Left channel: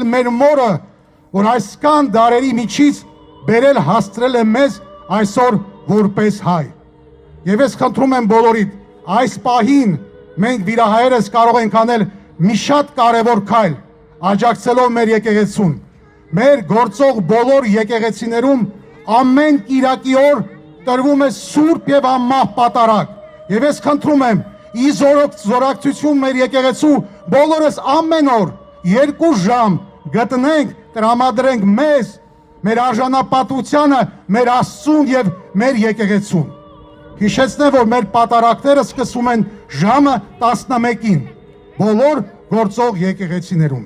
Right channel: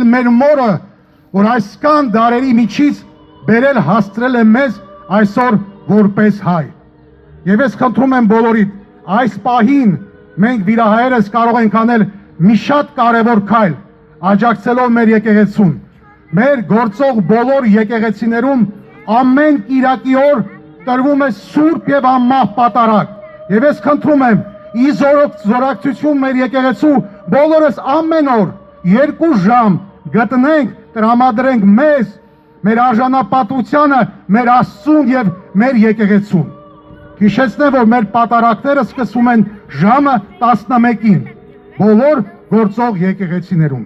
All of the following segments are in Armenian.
էլ մեր մորը, որ այսքան դարերի միջից բերել հաստրել է մեզ այսօր որպես հայ։ Եվ ես խնդրում եմ բոլորիդ, այս պահին մենք վիրահայերս կարող ենք անել մի շատ կարևոր քայլ, աջակցելով մեր եկեղեցուն։ Մեր գործող բոլոր եկեղեցիներում ամեն կիրակի օր տրվում է սուրբ եւ անմահ պատարագ։ Եվ ես խնդրում եմ, ի զորակցություն մեր եկեղեցու բոլորս ամեն օր 2 ժամ գտնենք, տրամադրենք մեզ, մեր արժանապատվությանը, մեր Աստծուն եւ մեր եկեղեցուն։ Հիշեցնեմ, որ մեր պատարագները սկսվում են ժամը 11-ին, բոլոր գործող եկեղեցիներում։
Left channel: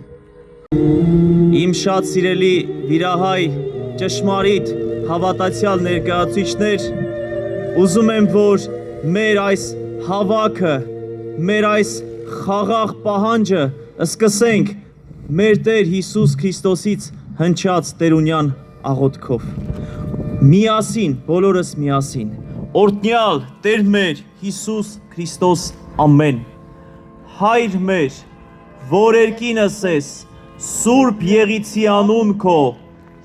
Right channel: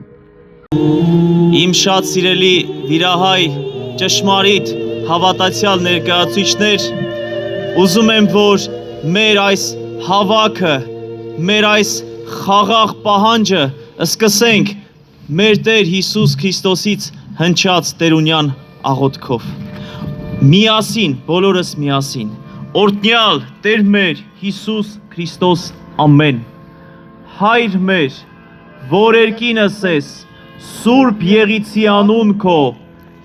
Իմ շատ սիրելի վիրահայ ճշմարիտ հավատացյալ ներկայացուցիչներ, ուզում եմ, որ մեր այս հավաքը, մեր այս խաղաղ պահանջը սկսենք մեր Տեր Հիսուս Քրիստոսից հնչած տերունյան աղոթքով։ Միասին, բոլորս միասին, օրհնյալ Տեր մեր Հիսուս Քրիստոս ամեն։ Հայր մեր, որ երկինս ես, Սուրբ եղիցի անուն քո,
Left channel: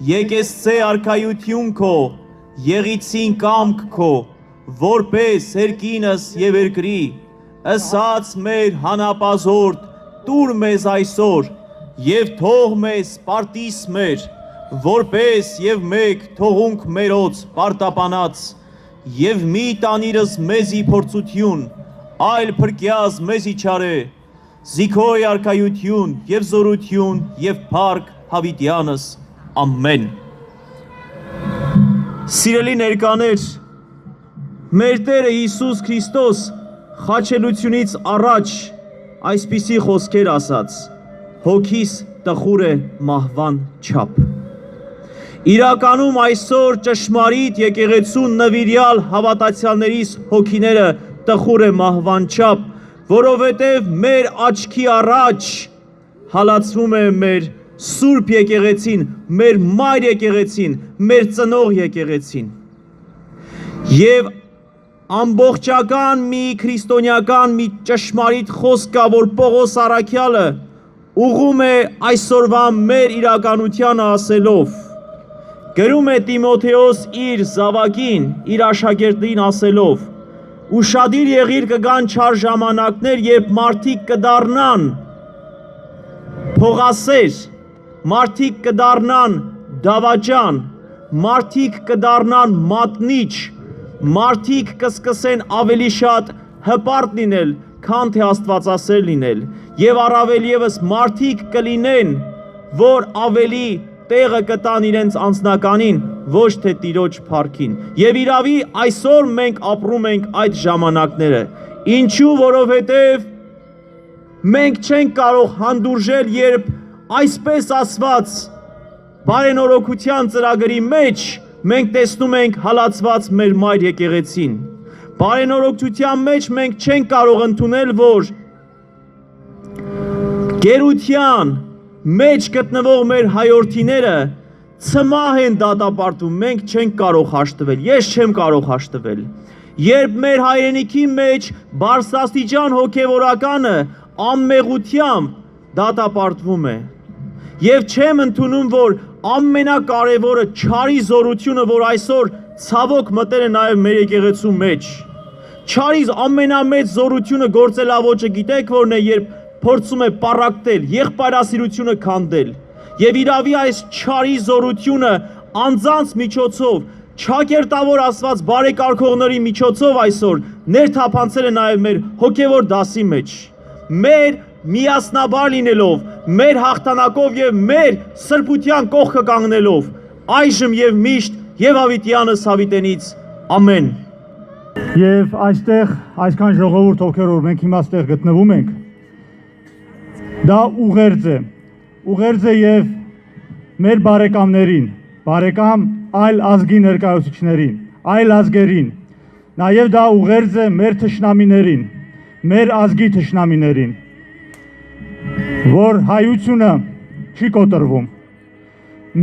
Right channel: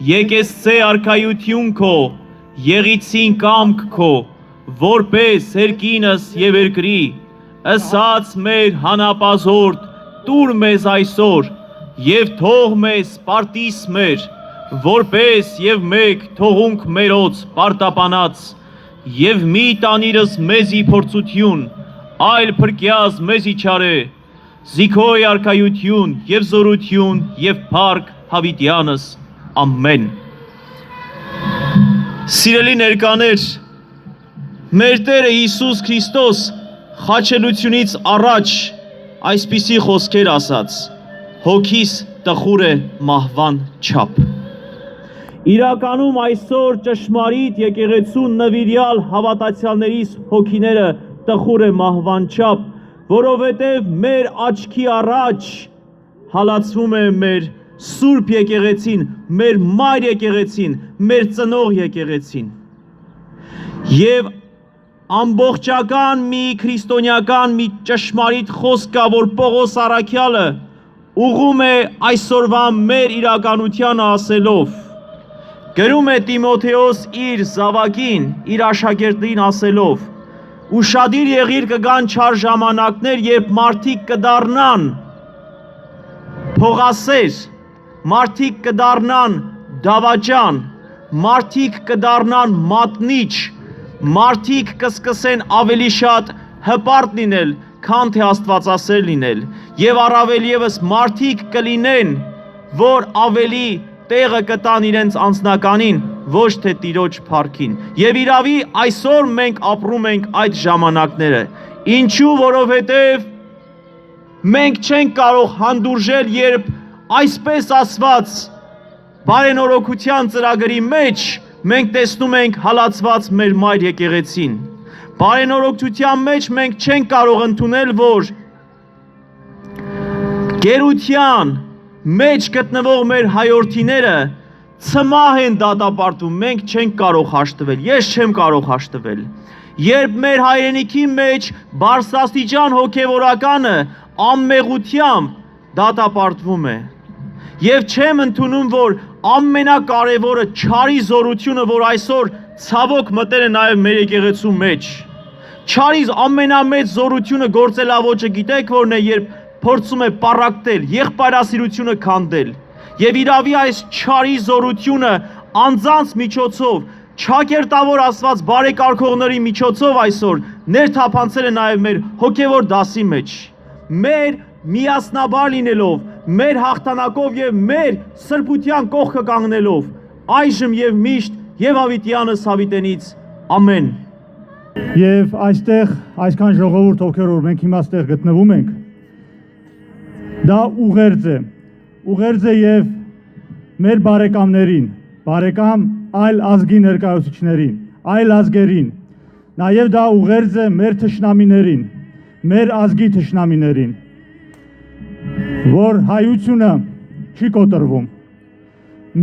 եկեսցե արքայություն քո, եղիցին կամք քո, որպես երկինս եւ երկրի, ըսած մեր հանապազորդ, տուր մեզ այսօր, եւ թող մեզ պարտիս մեր, որպես եւ մեկ թողունք մերոց պարտապանած, եւ մի տանիրս մեզի փորձություն, այլ փրկյազ մեզի չարե, Զիքոյ արքայություն եւ զորություն եւ փառք հավիտյանս ամեն։ Սիրելի ներկաներ, մեր Տերը Հիսուս Քրիստոս խաչելությունից առաջ այսպիսի խոսքեր ասաց. հոգիս տխուր է մահվան չափ։ Իրականում այսօր ճշմարիտ եկեղեցուն նվիրյալ հավատացյալներիս հոգիները տխուր է մահվան չափ, որովհետև մեր աչքի առաջ հալածվում է մեր Սուրբ եկեղեցին, մեր մայր եկեղեցին, մեր ծնող եկեղեցին։ Եվ ամբողջական մի քրիստոնեական մի ճշմարիտ խոսք կա, որ Պողոս առաքյալը ուղղում է այսօրվա մեր իրականությանը ասելով, գրում է Տիմոթեոս իր զավակին, իր աշակերտին ասելով, ուշադիր եղիր կգան չար ժամանակներ, երբ մարդիկ կդառնան փողասեր, մարդիկ կդառնան դավաճան, մարդիկ կդառնան մատնիչ, մարդիկ կսկսեն ավելի շատ հպարտ լինել, քան թե աստվածասեր լինել, եւ առավել եւս մարդիկ կլինեն, որ ավելի տեղը կտան իրենց անձնականին, ոչ թե Տիրոջ փառքին։ Եվ իրավի այսօր մենք ապրում ենք այդ ժամանակները։ Ինչու, որովհետև մենք չենք կարող հանդուրժել, երբ այսպես ասված բարենորոգության ծրագրի մեջ մենք տեսնում ենք հալածված մեր մայր եկեղեցին։ Բարենորոգության մեջ մենք չենք կարող ընդունել, որ գերության մեջ գտնվող մեր հայորդիները ցմահ են դատապարտում, մենք չենք կարող հաշտվել, ես չեմ կարող հաշտվել։ Երբ մեր հայրենիքի մեջ բարձրաստիճան հոգևորականը անմեղությամբ դատապարտվում է, եւ չեմ ընդունում, որ ամենակարևորը չարի զորությունը, որ այսօր ցավոք մտել է նաեւ մեր եկեղեցու մեջ, չարի ամենամեծ զորությունը գործելավոճը գիտեք որն է, երբ փորձում է պառակտել, եղբայրասիրությունը քանդել, եւ իրավի այս չարի զորությունը անձանց միջոցով, չակերտավոր ասված բարեկարգողների միջոցով այսօր ներթափանցել է նաեւ մեր հոգևոր դասի մեջ, մեր միասնաբար լինելով, մեր հաղթանակով եւ մեր սրբության կողքը կանգնելով, այժմ եւ միշտ եւ հավիտյանս հավիտենից ամեն։ Եվ այստեղ այսքան ժողովուրդ ովքեր որ մենք հիմա այստեղ գտնվում ենք, դա ուղերձ է եւ մեր բարեկամներին, բարեկամ այլ ազգի ներկայացուցիչներին, այլ ազգերին, նաեւ դա ուղերձ է մեր թշնամիներին, մեր ազգի թշնամիներին, որ հայությունը չի կոտրվում։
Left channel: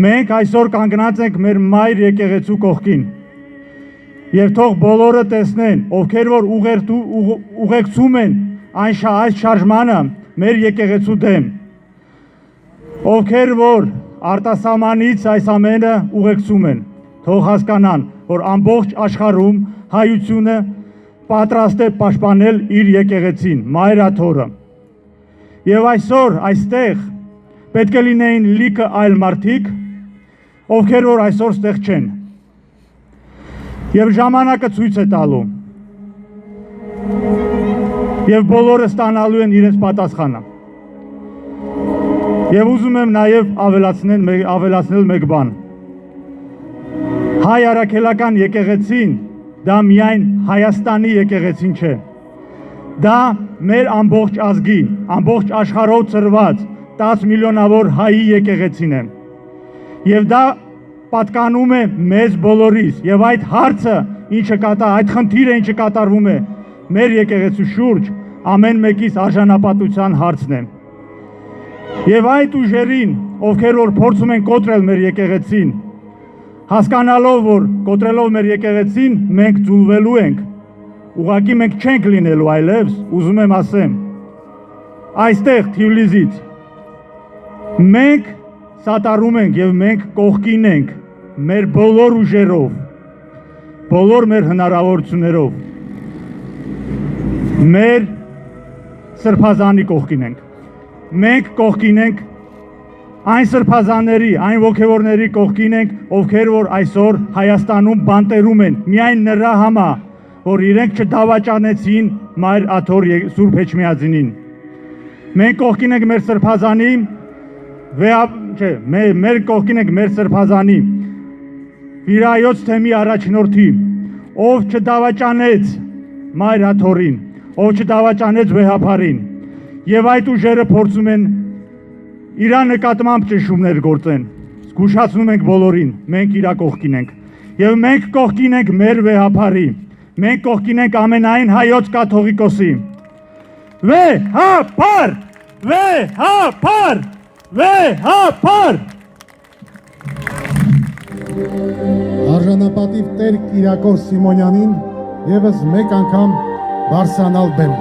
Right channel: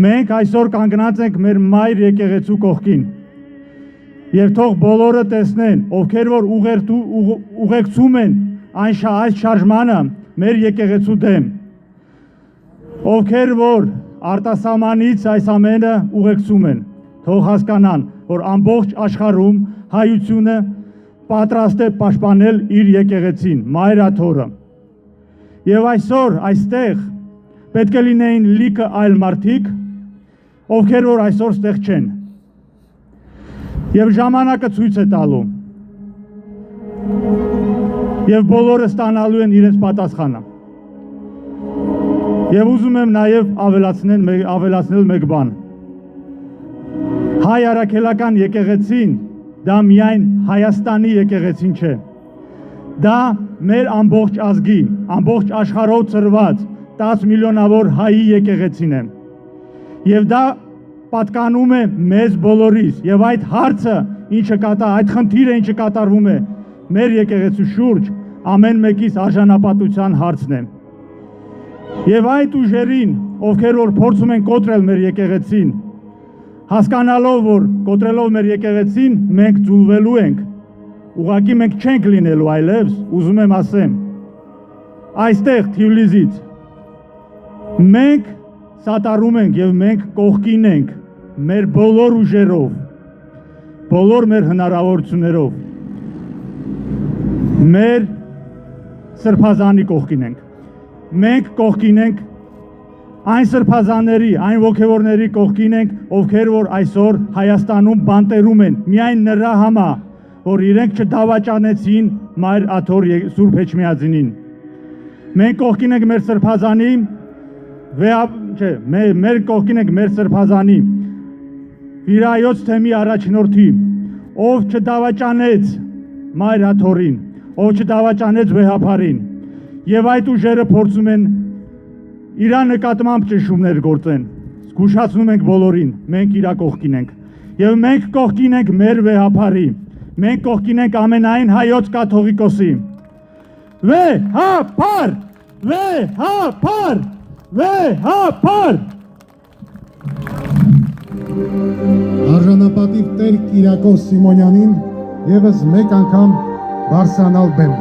Մենք այսօր կանգնած ենք մեր մայր եկեղեցու կողքին եւ թող բոլորը տեսնեն, ովքեր որ ուղեկցում են այս շարժմանը մեր եկեղեցու դեմ, ովքեր որ արտասահմանից այս ամենը ուղեկցում են, թող հասկանան, որ ամբողջ աշխարհում հայությունը պատրաստ է պաշտպանել իր եկեղեցին, մայրաթորը։ Եվ այսօր այստեղ պետք է լինեին լիքը այլ մարդիկ, ովքեր որ այսօր ստեղ չեն։ Եվ ժամանակը ցույց է տալու։ Եվ բոլորը ստանալու են իրենց պատասխանը։ Եվ ուզում եմ նաև ավելացնել մեկ բան։ Հայ առաքելական եկեղեցին դա միայն Հայաստանի եկեղեցին չէ։ Դա մեր ամբողջ ազգի, ամբողջ աշխարհով ծրված 10 միլիոնավոր հայի եկեղեցին է։ Եվ դա պատկանում է մեզ բոլորիս, եւ այդ հարցը, այդ խնդիրը, ինչը կատարվում է մեր եկեղեցու շուրջ, ամեն մեկիս արժանապատվության հարցն է։ Եվ այդ ուժերին, ովքեր որ փորձում են կոտրել մեր եկեղեցին, հասկանալով, որ կոտրելով մեր եկեղեցին, մենք ձուլվելու ենք, ուղղակի մենք չենք լինելու այլևս, ուզում եմ ասեմ, այստեղ Թիֆլիսից մենք սատարում ենք եւ մենք կողքին ենք մեր բոլոր ուժերով, բոլոր մեր հնարավորություններով, մեր սրբազանի կողքին ենք, մենք կողքին ենք այն սրբազանների, այն ոգևորների կողքին ենք, ովքեր որ այսօր Հայաստանում բանտերում են, միայն նրա համար, որ իրենք չդավաճանեցին Մայր Աթոր Սուրբ Էջմիածնին։ Մենք կողքին ենք մեր սրբազանի, մեր կողքին ենք մեր սրբազանի, Վիրայոց թեմի առաջնորդի, ով չդավաճանեց Մայր Աթորին, ով չդավաճանեց վեհափարին, եւ այդ ուժերը փորձում են իրա նկատմամբ ճնշումներ գործեն, զգուշացնում ենք բոլորին, մենք իրա կողքին ենք, եւ մենք կողքին ենք մեր վեհափարի, մենք կողքին ենք ամենայն հայոց կաթողիկոսի, վեհափար, վեհափար, վեհափար։ Արժանապատիվ Տեր Կիրակոս Սիմոնյանին եւս մեկ անգամ բարձրանալ բեմ։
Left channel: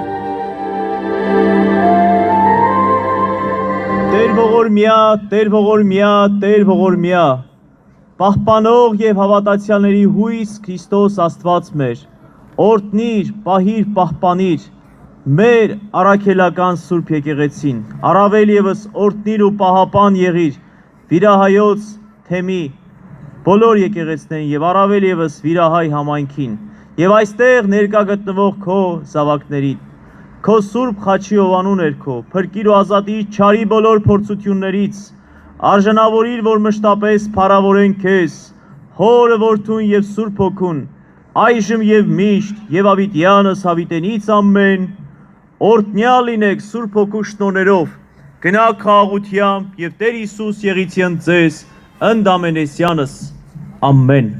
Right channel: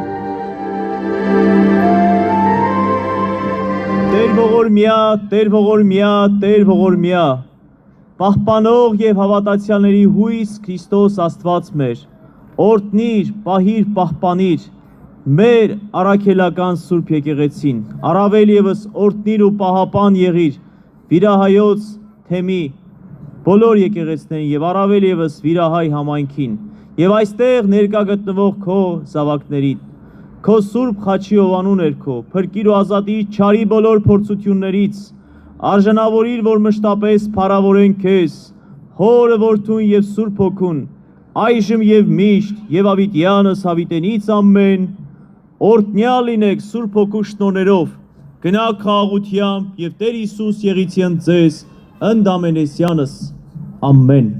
Տեր ողորմյա, Տեր ողորմյա, պահպանող եւ հավատացյալների հույս Քրիստոս Աստված մեր, օրհնիր, պահիր, պահպանիր մեր առաքելական Սուրբ եկեղեցին, առավել եւս օրհնիր ու պահապան եղիր Վիրահայոց թեմի բոլոր եկեղեցներին եւ առավել եւս Վիրահայ համայնքին եւ այստեղ ներկա գտնվող քո զավակներին, քո Սուրբ խաչի ովանու ներքո, փրկիր ու ազատիր չարի բոլոր փորձություններից, արժանավորիր, որ մշտապես փառավորեն քեզ, Հորը, Որդուն եւ Սուրբ Հոգուն, այժմ եւ միշտ եւ ավիտյանս հավիտենից ամեն, օրհնյալ լինեք Սուրբ Հոգու շնորհներով, գնաք խաղաղությամբ եւ Տեր Հիսուս եղիցին ձեզ ընդամենեսյանս, ամեն։